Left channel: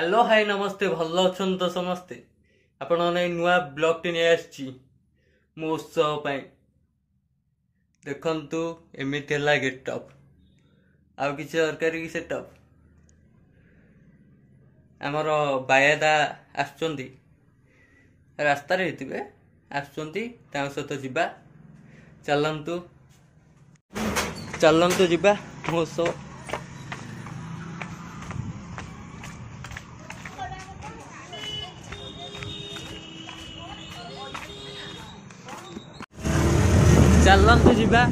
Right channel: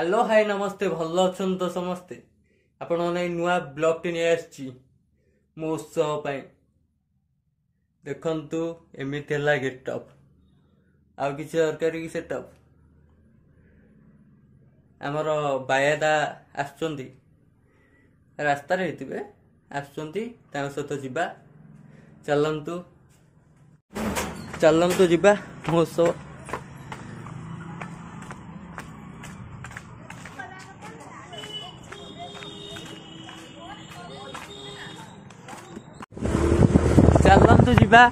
Hello hi नमस्ते भल अच्छा तो समस्ते आपण नुआ ब्लॉग टी नहीं आसी मो उत्सव देखु एमती है गेटअप आउ कि दरकार कि सेटअप आमर बायादा आसुंच रास्त सहित जीवा चलतु चलतु जीवा महोत्सव चलतु जीवा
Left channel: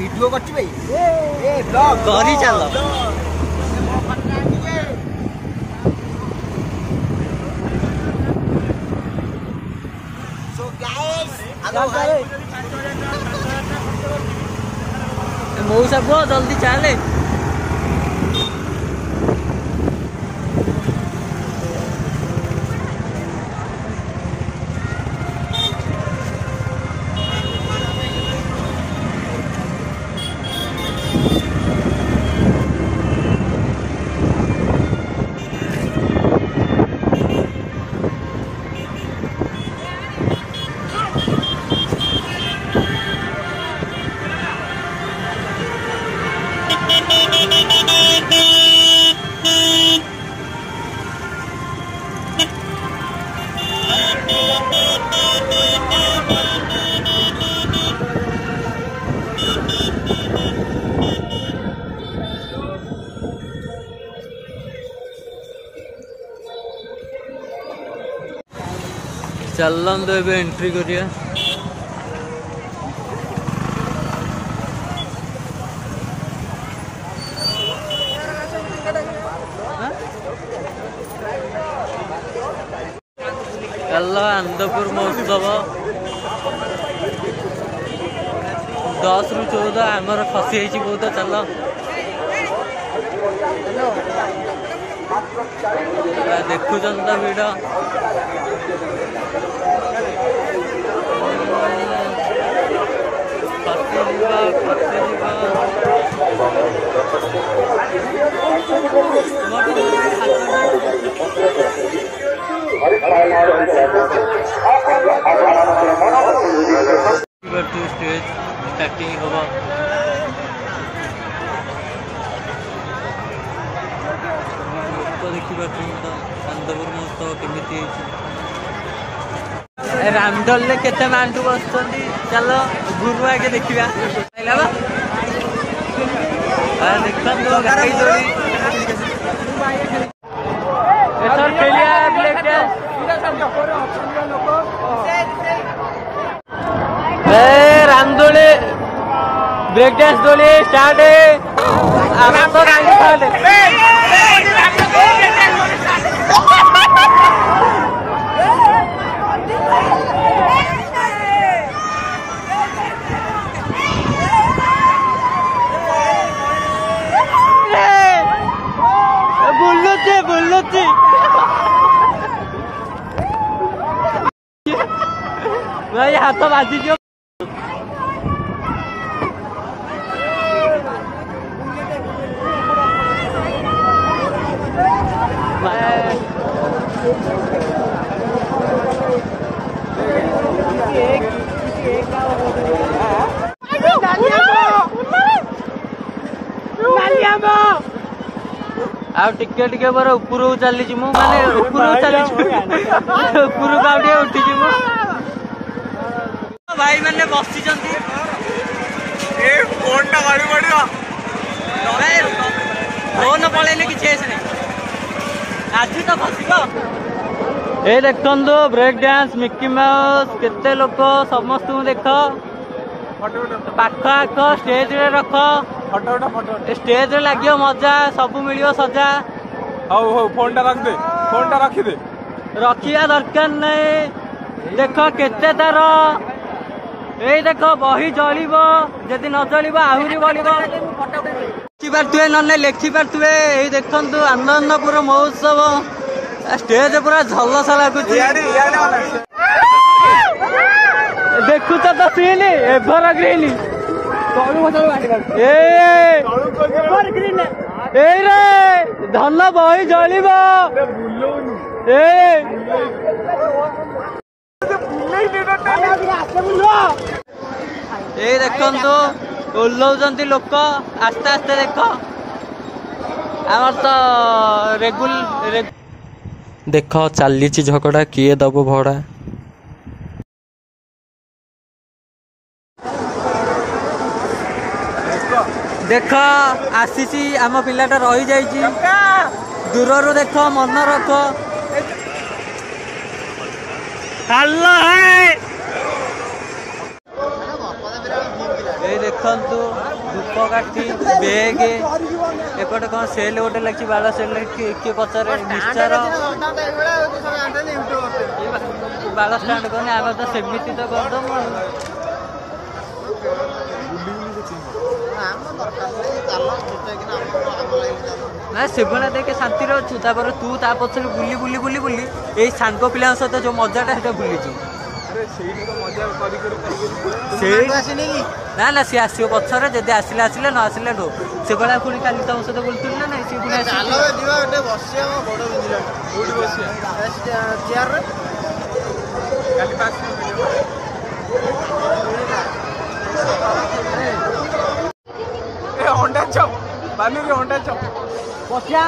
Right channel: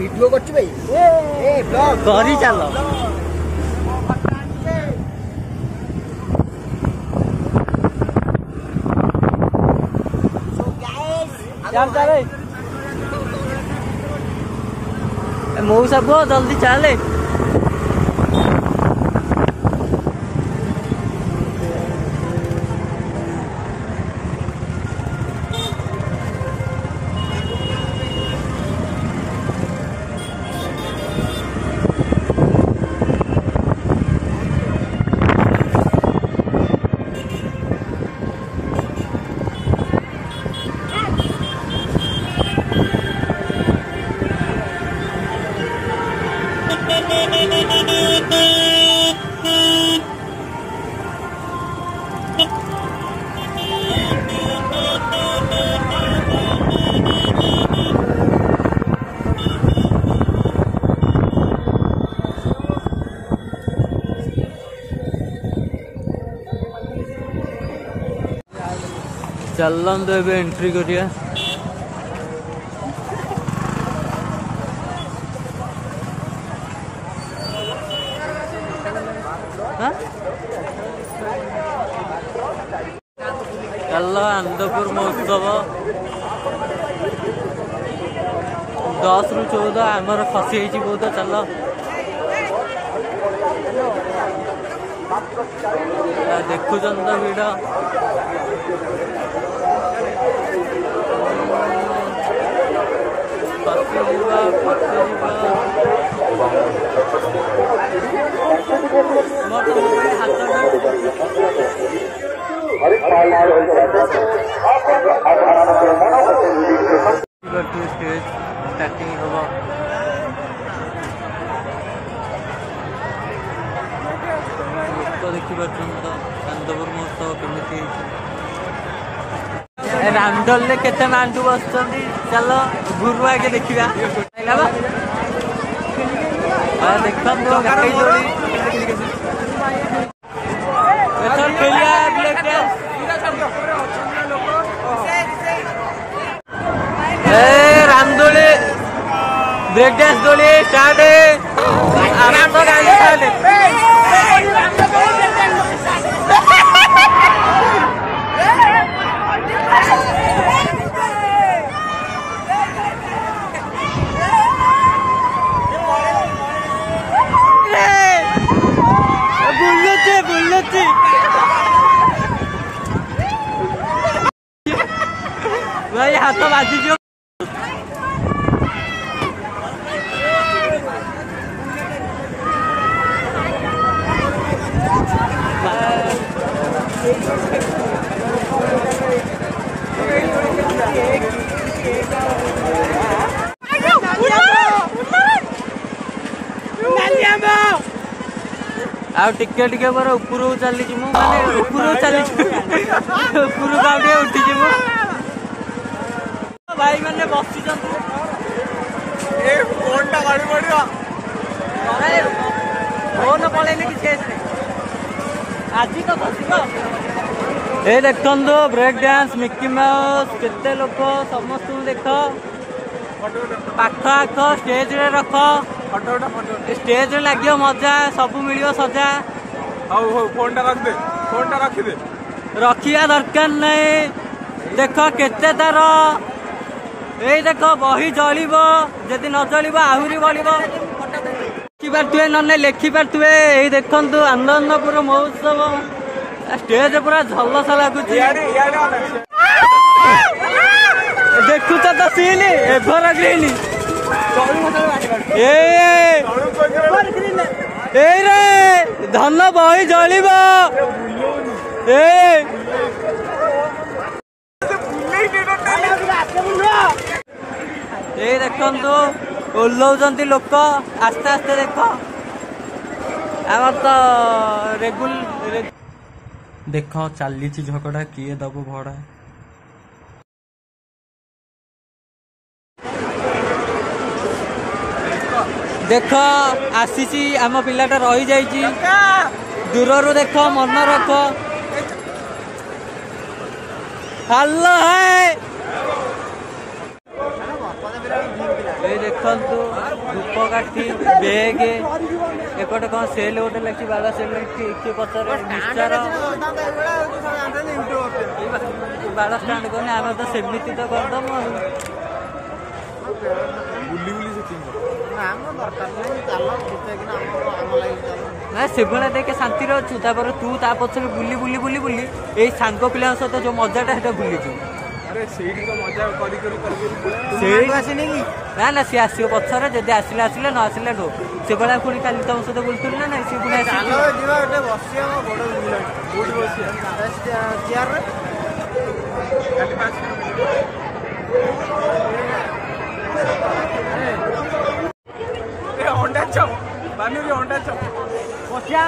वीडियो कर ब्लॉग करी चल मऊ सब जल्दी चले चलन तो ए एंट्री करिया चल आनंदपुर महोत्सव 10 ରୁ 14 आमर खसी बहुत चल देखुं तो भिड़ स्टेज स्टार्टिंग हम लोक देखिए आनंदपुर महोत्सव केमी रामडल केते मांटू बस चल गुरु आगे देखा देखो गाड़ी दौड़ी रामदोली ब्रेक डांस दोली स्टार्ट तो गाड़ी बुल्लते भाई हाथ बाजी जो टिके टिके पर ऊपर चली माने ऊपर चली ऊपर गाड़ी उठी भाई मैंने बसी फोन गाड़ी पड़ा फोन पड़े कि आज तो फसिब ए देखु ब्रेक डांस मिकी माउस केते लोक समस्त देख पाख आख स्टेज रे रख स्टेज रे लगे मजा सब मिल सजा हौ फोन टा रख दे रखिया दरकार नहीं। देख केते तार ए देख बही जलिब जदि न जलिब आहरी बलिब लिखिपारे न लिखि पारे। यही देखु आनंदपुर महोत्सव स्टेज पूरा झलसा लगुच। देखु तो सीन एभर ग्रीन रे धन बही जलिब ए देखु ओह्लौंट लोक आस्ते आस्ते देख आमर तो देख चली झगड़ा किए दब भड़ा। देख आसी आम पिलाटा रही जाइए दूर देख मन रख हेलो है ये देखु धूपकाठी बेग एपटे कौन सेल गोटे लगी बाड़ सेल किए पचारे मिक्सचर बाड़ स्टाण्ड कहने आम तो सेमती तो करदम ना सेगुना देखे शांति अच्छु तू ता पछे बुली बुली बुली बुली यही सांग पिला सहित जो मजाटा है भूली ना ना सी आसो पछरे जदि आसिले आसिले न आसिले नो से बड़ा पुणी काली तुम सहित बोलती ना ना अंडा चप बानू रे अंडा चप बसिया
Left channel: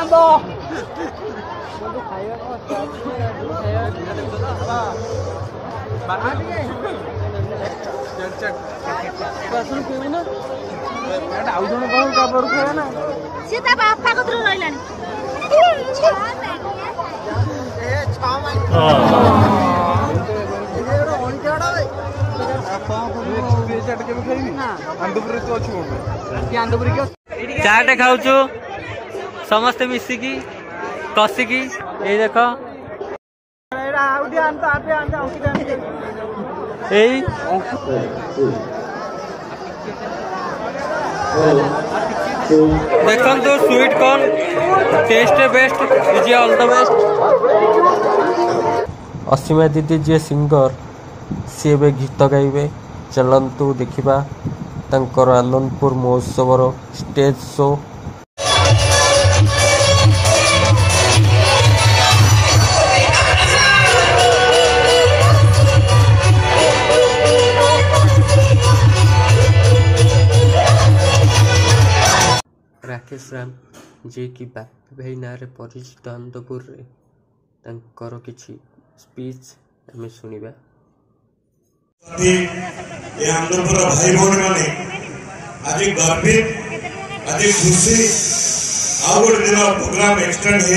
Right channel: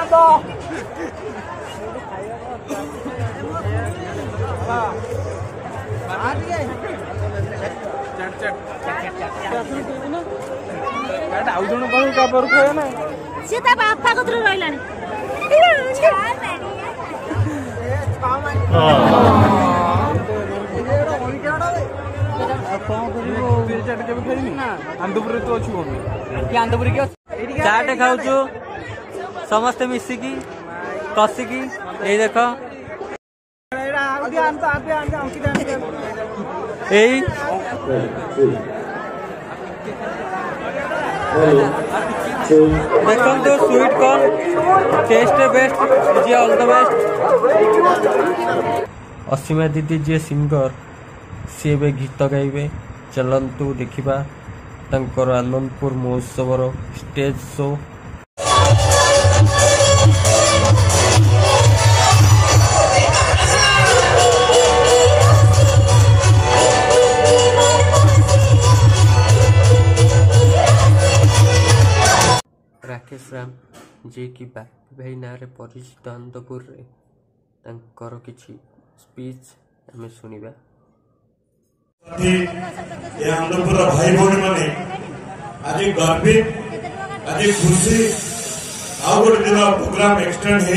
आउ जन कह काबर खाए ना सी ता बापा कतरो रहलानी चाटे खाऊ समस्ते मिसिकी कसिकी ये देख देखो sweet corn taste best is all the best. Asima दीदी जी सिंगर सी ए गीत गाइबे चलतु देखा तांकर आनंदपुर महोत्सव स्टेज शो। राकेश राम जे कि बापी भाई ना रे परिचित आनंदपुर रे तांकर किछि स्पीच आमे सुनिबा। आनंदपुर भाई भौणी मैंने आज गर्वित आज खुशी आउ गोटे दिन प्रोग्राम एक्सटेंड होेय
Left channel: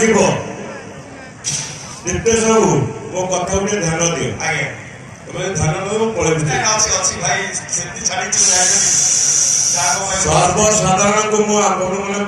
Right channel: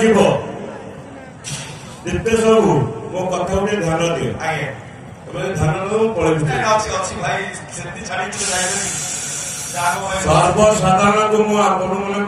जीव नित्य सबू मो कथा गोटे ध्यान दियो आगे ध्यान दो पड़े सर्वसाधारण को मुझे